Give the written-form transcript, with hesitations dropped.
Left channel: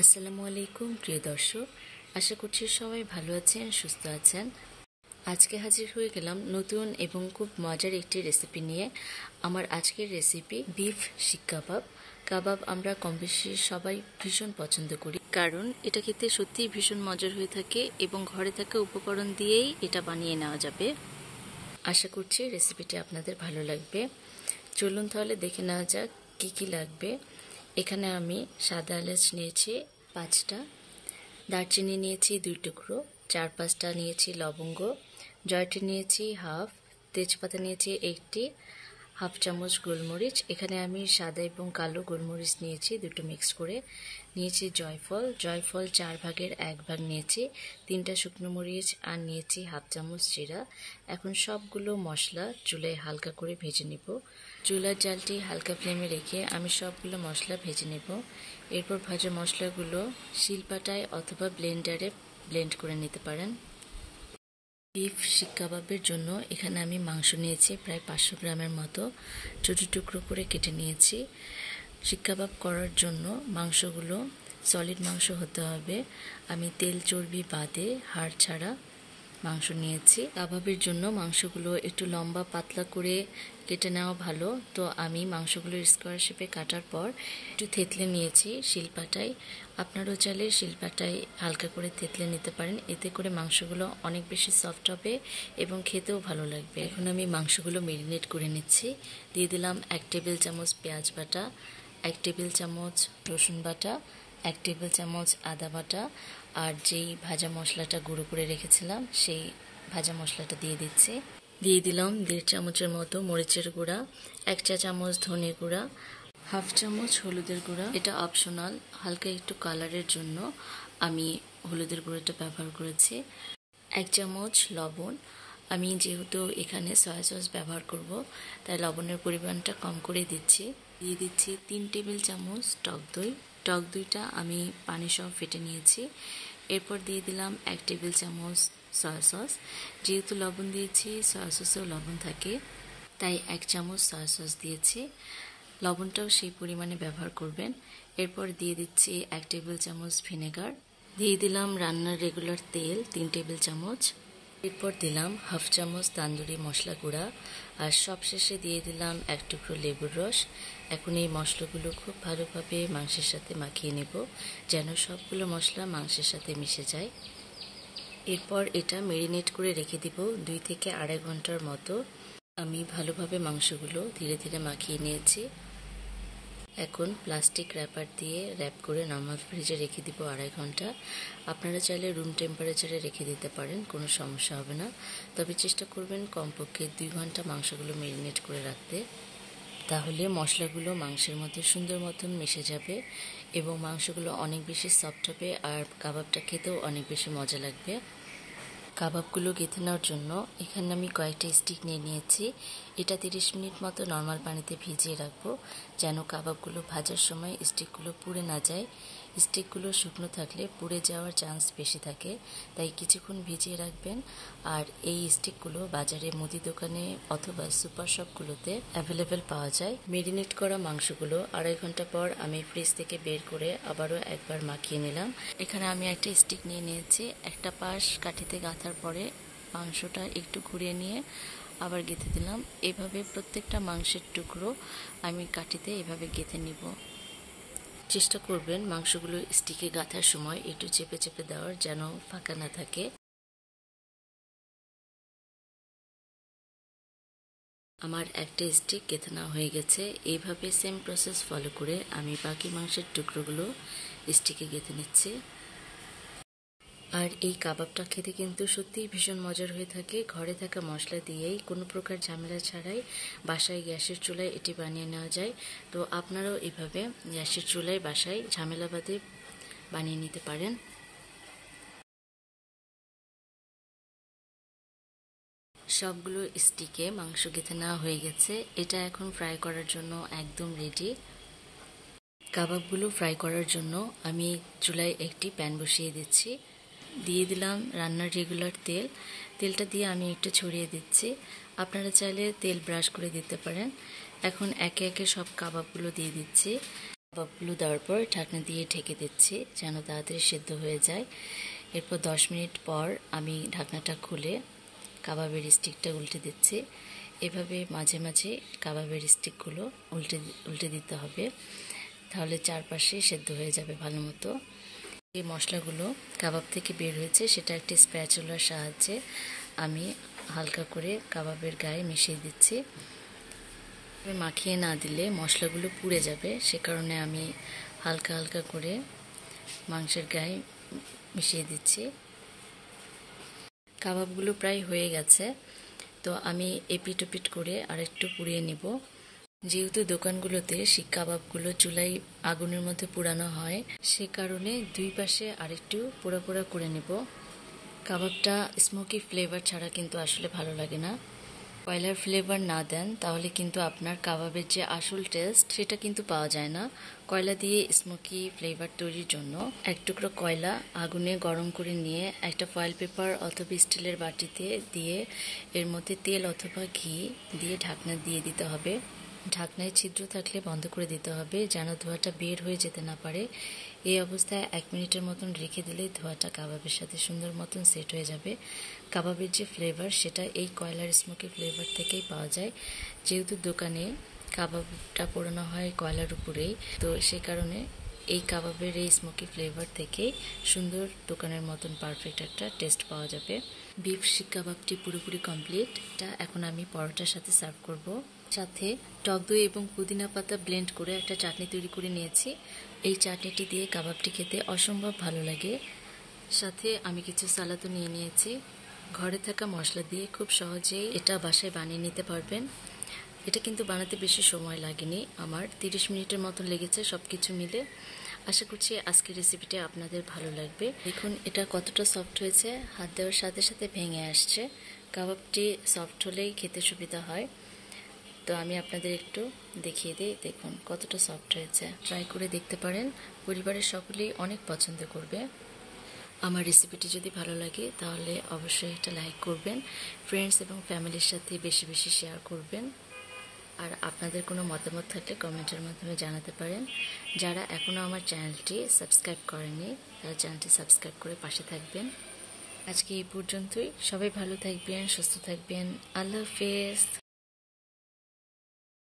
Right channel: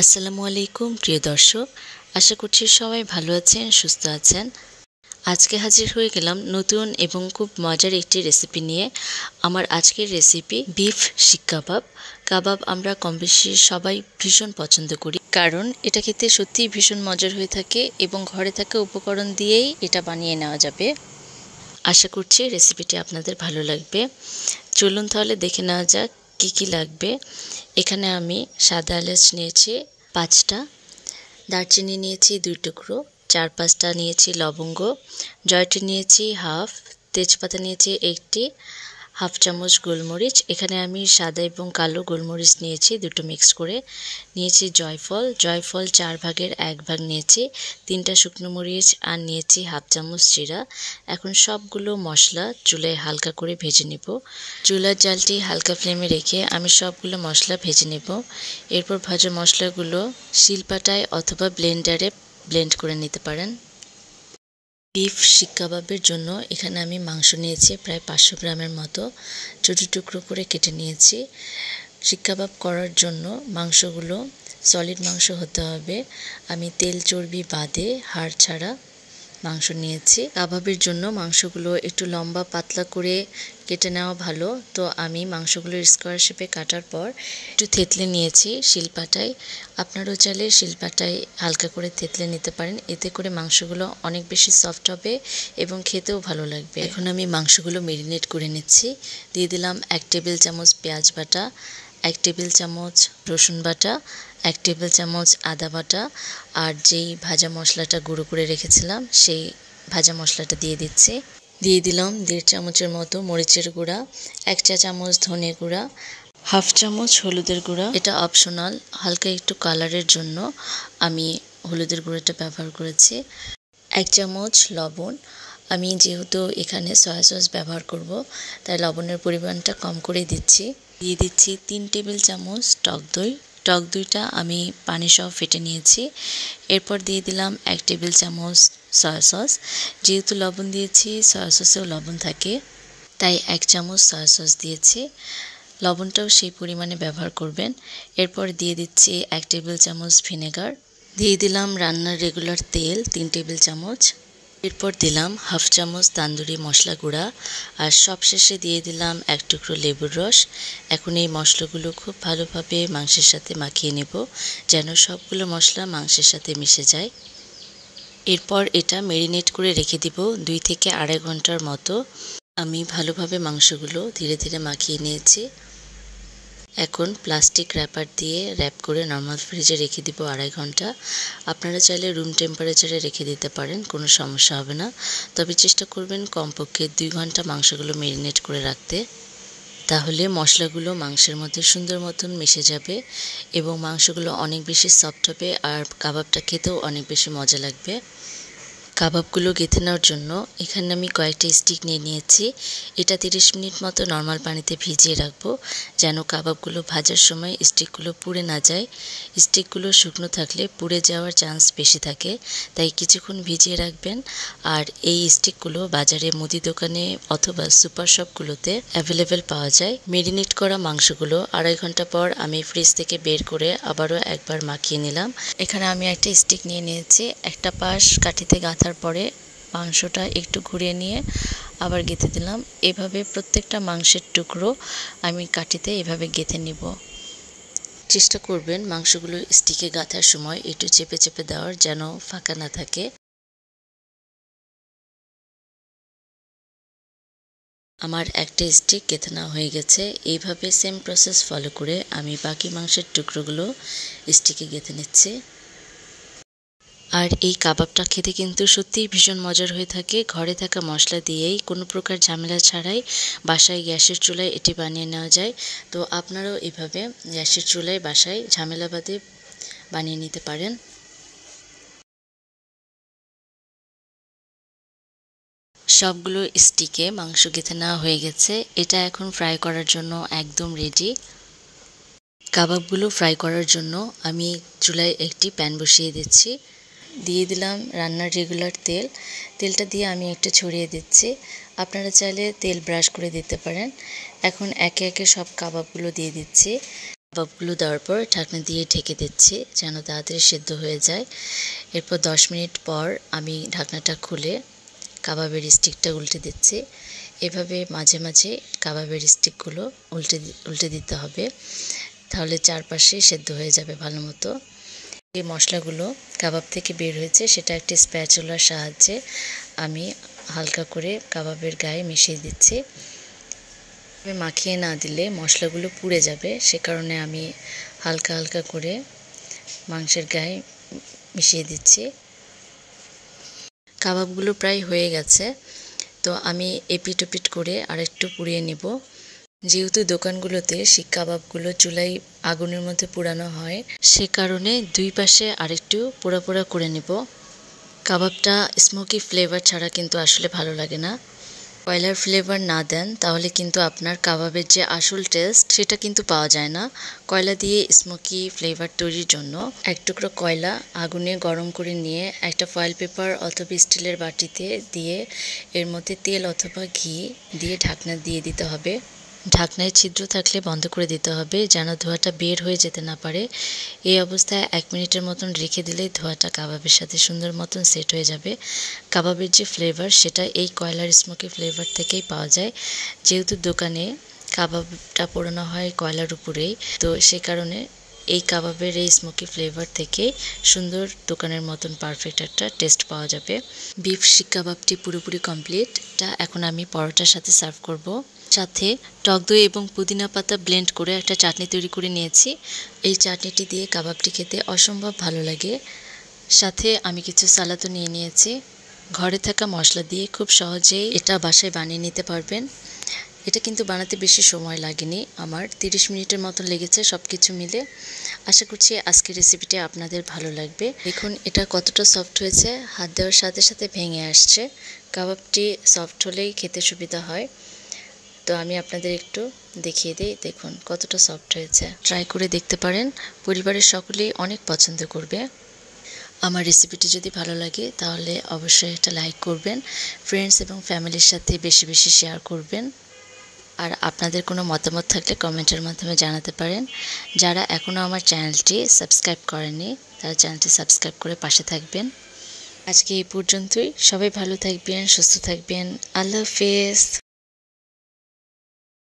আসসালামু আলাইকুম প্রিয় দর্শক, আশা করছি সবাই ভালো আছেন, সুস্থ আছেন। আজকে হাজির হয়ে গেলাম নতুন এবং খুব মজার একটি রেসিপি নিয়ে। আমার আজকের রেসিপি বিফ শিক কাবাব। কাবাব আমরা কম বেশি সবাই ভীষণ পছন্দ করি, কারণ এটা খেতে সত্যিই ভীষণ মজার হয়ে থাকে এবং ঘরে থাকা উপকরণ দিয়েই এটা বানিয়ে নেওয়া যাবে। আশা করছি রেসিপিটি আপনাদের ভালো লাগবে। চলুন তাহলে দেখে নেওয়া যাক কী কী লাগবে। এখানে আমি সাদা এলাচ নিয়েছি 5টা, দারচিনি নিয়েছি 2 টুকরো, 4-5টা নিয়েছি লবঙ্গ, জয়ত্রী নিয়েছি হাফ, তেজপাতা নিয়েছি 1টি, হাফ চামচ গোলমরিচ। এখানে আমি সাদা এবং কালো গোলমরিচ নিয়েছি, দুটো মিক্স করে নিয়েছি। জয়ফল 4 ভাগের 1 ভাগ নিয়েছি, 3টা শুকনো মরিচ আর নিয়েছি হাফ চামচ জিরা। এখন সবগুলো মশলা চুলায় হালকা করে ভেজে নেব। চুলার জালটি হালকা ফ্লেমে রেখে আমি সবগুলো মশলা ভেজে নেব। এরপর ভাজা মশলাগুলো শিলপাটায় অথবা ব্লেন্ডারে ব্লেন্ড করে নিতে পারেন। বিফ শিক কাবাবের জন্য এখানে আমি মাংস নিয়েছি প্রায় 500 গ্রামের মতো, ছোটো টুকরো করে কেটে নিয়েছি। শিক কাবাব করার জন্য মাংসগুলো সলিড মাংস হতে হবে। আমি তেল চর্বি বাদে হাড় ছাড়া মাংস নিয়েছি। কাবাবের জন্য মাংসগুলো একটু লম্বা পাতলা করে কেটে নেওয়া ভালো, তো আমি মাংসগুলো স্কোয়ার শেপে কাটার পর একটু থেতলে নিয়েছি শিলপাটায়। আপনারাও চাইলে শিলপাটায় হালকা করে থেতলে নিতে পারেন, এতে করে মাংসগুলো অনেক বেশি সফট হবে এবং খেতেও ভালো লাগবে। এখন আমি মাংসগুলো ম্যারিনেট করে নিচ্ছি। দিয়ে দিলাম 1 টেবিল চামচ পেঁয়াজ বাটা, 1 টেবিল চামচ রসুন বাটা, 1 টেবিল চামচ আদা বাটা, আর যেই ভাজা মশলাটা গুঁড়ো করে রেখেছিলাম সেই ভাজা মশলাটা দিয়ে দিচ্ছি। দিয়ে দিলাম 1.5 চামচের মতো মরিচের গুঁড়া, 1 চা চামচ ধনে গুঁড়া, হাফ চামচ হলুদের গুঁড়া। এটা অপশনাল, হালকা একটু কালারের জন্য আমি হলুদের গুঁড়োটা ব্যবহার করেছি। 1 চামচ লবণ। আমি যেহেতু এখানে সয়া সস ব্যবহার করব, তাই লবণের পরিমাণটা কম করে দিচ্ছি। দিয়ে দিচ্ছি 3 টেবিল চামচ টক দই। টক দইটা আমি পানি সহ ফেটে নিয়েছি। এরপর দিয়ে দিলাম 1 টেবিল চামচ সয়া সস। যেহেতু লবণ দিয়েছি, সয়া সসেও লবণ থাকে, তাই 1 চামচ সয়া সস দিয়েছি। লবণটাও সেই পরিমাণে ব্যবহার করবেন। এরপর দিয়ে দিচ্ছি 1 টেবিল চামচ ভিনেগার। দিয়ে দিলাম রান্নার রেগুলার তেল 3 টেবিল চামচ। এরপর দিলাম হাফ চামচ তান্দুরি মশলা গুঁড়া, আর সবশেষে দিয়ে দিলাম 1 টুকরো লেবুর রস। এখন এই মশলাগুলো খুব ভালোভাবে মাংসের সাথে মাখিয়ে নেব, যেন সবগুলো মশলা মাংসের সাথে মিশে যায়। এরপর এটা ম্যারিনেট করে রেখে দিব 2 থেকে 2.5 ঘন্টার মতো। আমি ভালোভাবে মাংসগুলো ধীরে ধীরে মাখিয়ে নিয়েছি। এখন প্লাস্টিক র্যাপার দিয়ে র্যাপ করে নর্মাল ফ্রিজে রেখে দিব 2.5 ঘন্টা। আপনারা চাইলে রুম টেম্পারেচারে রেখে দিতে পারেন, কোনো সমস্যা হবে না। তবে চেষ্টা করবেন কমপক্ষে 2 ঘন্টা মাংসগুলো ম্যারিনেট করে রাখতে, তাহলে মশলাগুলো মাংসের মধ্যে সুন্দর মতন মিশে যাবে এবং মাংসগুলো অনেক বেশি সফট হবে, আর কাবাবটা খেতেও অনেক বেশি মজা লাগবে। কাবাবগুলো গেঁথে নেওয়ার জন্য এখানে আমি কয়েকটা স্টিক নিয়ে নিয়েছি। এটা 30 মিনিট মতো নর্মাল পানিতে ভিজিয়ে রাখবো, যেন কাবাবগুলো ভাজার সময় স্টিকগুলো পুড়ে না যায়। স্টিকগুলো শুকনো থাকলে পুড়ে যাওয়ার চান্স বেশি থাকে, তাই কিছুক্ষণ ভিজিয়ে রাখবেন। আর এই স্টিকগুলো বাজারে মুদি দোকানে অথবা সুপার শপগুলোতে অ্যাভেলেবেল পাওয়া যায়। ম্যারিনেট করা মাংসগুলো 2.5 ঘন্টা পর আমি ফ্রিজ থেকে বের করে আবারও একবার মাখিয়ে নিলাম। এখানে আমি একটা স্টিক নিয়ে নিয়েছি, একটা পাশ কাঠিতে গাঁথার পরে মাংসটা একটু ঘুরিয়ে নিয়ে আবার গেঁথে দিলাম। এভাবে প্রত্যেকটা মাংসের টুকরো আমি কাঠিতে এভাবে গেঁথে নিব। চেষ্টা করবেন মাংসগুলো স্টিকে গাঁথার সময় একটু চেপে চেপে দেওয়ার, যেন ফাঁকা না থাকে। আমার একটা স্টিক গেঁথে নেওয়া হয়ে গেছে। এইভাবে সেম প্রসেস ফলো করে আমি বাকি মাংসের টুকরোগুলো স্টিকে গেঁথে নিচ্ছি। আর এই কাবাবটা খেতে কিন্তু সত্যিই ভীষণ মজার হয়ে থাকে। ঘরে থাকা মশলা দিয়েই কোনো প্রকার ঝামেলা ছাড়াই বাসায় গ্যাসের চুলায় এটি বানিয়ে নেওয়া যায়। তো আপনারাও এভাবে গ্যাসের চুলায় বাসায় ঝামেলা বাদে বানিয়ে নিতে পারেন। সবগুলো স্টিকে মাংস গেঁথে নেওয়া হয়ে গেছে। এটা এখন ফ্রাই করার জন্য একদম রেডি। কাবাবগুলো ফ্রাই করার জন্য আমি চুলায় একটি প্যান বসিয়ে দিচ্ছি। দিয়ে দিলাম রান্নার রেগুলার তেল। তেলটা দিয়ে আমি একটু ছড়িয়ে দিচ্ছি, আপনারা চাইলে তেল ব্রাশ করে দিতে পারেন। এখন একে একে সব কাবাবগুলো দিয়ে দিচ্ছি। কাবাবগুলো দেওয়ার পর ঢাকনা দিয়ে ঢেকে দিচ্ছি যেন তাড়াতাড়ি সেদ্ধ হয়ে যায়। এরপর 10 মিনিট পর আমি ঢাকনাটা খুলে কাবাবের স্টিকটা উল্টে দিচ্ছি। এভাবে মাঝে মাঝে কাবাবের স্টিকগুলো উল্টে দিতে হবে, তাহলে চারপাশে সেদ্ধ হয়ে যাবে ভালো মতো। এই মশলাগুলো কাবাব থেকে বের হয়েছে সেটা একটি স্প্যাচুলার সাহায্যে আমি হালকা করে কাবাবের গায়ে মিশিয়ে দিচ্ছি। মাখিয়ে না দিলে মশলাগুলো পুড়ে যাবে, সে কারণে আমি হালকা হালকা করে মাংসের গায়ে মিশিয়ে দিচ্ছি। কাবাবগুলো প্রায় হয়ে গেছে, তো আমি এপিট ওপিট করে আরেকটু পুড়িয়ে নেব। যেহেতু দোকানগুলোতে শিক কাবাবগুলো চুলায় আগুনের মধ্যে পোড়ানো হয়, সে কারণে দুই পাশে আরেকটু পোড়া পোড়া করে নেব। কাবাবটা স্মোকি ফ্লেভার ছাড়া কিন্তু আসলে ভালো লাগে না। কয়লার ফ্লেভার না দেন তাহলে কিন্তু আপনার কাবাবের যে আসল টেস্ট সেটা কিন্তু পাওয়া যায় না। কয়লা দিয়ে স্মোকি ফ্লেভার তৈরির জন্য এক টুকরো কয়লা আগুনে গরম করে নিয়ে একটা ফয়েল পেপার অথবা স্টিলের বাটিতে দিয়ে এর মধ্যে তেল অথবা ঘি দিয়ে ঢাকনা দিয়ে দিতে হবে। ঢাকনায় ছিদ্র থাকলে বন্ধ করে দিতে হবে যেন ধোঁয়াটা বের হয়ে যেতে না পারে। এই অবস্থায় 1 মিনিটের মতন রেখে দিলেই ধোঁয়াটা কাবাবের সাথে সুন্দর মতন সেট হয়ে যাবে। কাবাবের যে ফ্লেভার সেটা এই কয়লার স্মোকি ফ্লেভার থেকেই পাওয়া যায়। যেহেতু দোকানে কাবাবটা পোড়ানো হয় কয়লার উপরেই, তো সে কারণে এই কাবাবের এই স্মোকি ফ্লেভার থেকেই সুন্দর দোকানের মতন পারফেক্ট একটা টেস্ট পাওয়া যাবে। বিফ শিক কাবাবটি পুরোপুরি কমপ্লিট। এটা এখন আমি পরোটার সাথে সার্ভ করব। সাথে টক দই এবং পুদিনা পাতা ব্লেন্ড করে একটা চাটনি তৈরি করে নিয়েছি। এই চাটনিটি দিয়ে কাবাবটি খেতে অসম্ভব ভালো লাগে। সাথে আমি কিছু সালাদও নিয়ে নিয়েছি। ঘরে থাকা মশলা দিয়ে খুব সহজেই এটা বাসায় বানিয়ে নিতে পারবেন। এটা কিন্তু বানাতে বেশি সময় লাগেনি, আমার 30 মিনিটের মতন লেগেছে সব কিছু মিলে। আশা করছি আজকের রেসিপিটি আপনাদের ভালো লাগবে। দেখুন এটা কতটা সফট হয়েছে, হাত দেওয়ার সাথে সাথে ভেঙে আসছে। কাবাবটি সফট হলেই খেতে সুবিধা হয়, তো আমি আপনাদের একটু দেখিয়ে দিই। দেখুন কতটা সফট হয়েছে, ট্রাই করে দেখতে পারেন। পরিবারের সকলেই অনেক পছন্দ করবে। আমার রেসিপিটি যদি ভালো লাগে তাহলে অবশ্যই একটা লাইক করবেন, ফ্রেন্ডস এবং ফ্যামিলির সাথে বেশি বেশি শেয়ার করবেন। আর আপনাদের কোনো মতামত থাকলে কমেন্টের মাধ্যমে জানাতে পারেন। যারা এখনও আমার চ্যানেলটি সাবস্ক্রাইব করেনি তারা চ্যানেলটি সাবস্ক্রাইব করে পাশে থাকবেন। আজকে এই পর্যন্তই। সবাই ভালো থাকবেন, সুস্থ থাকবেন। আল্লাহ হাফেজ।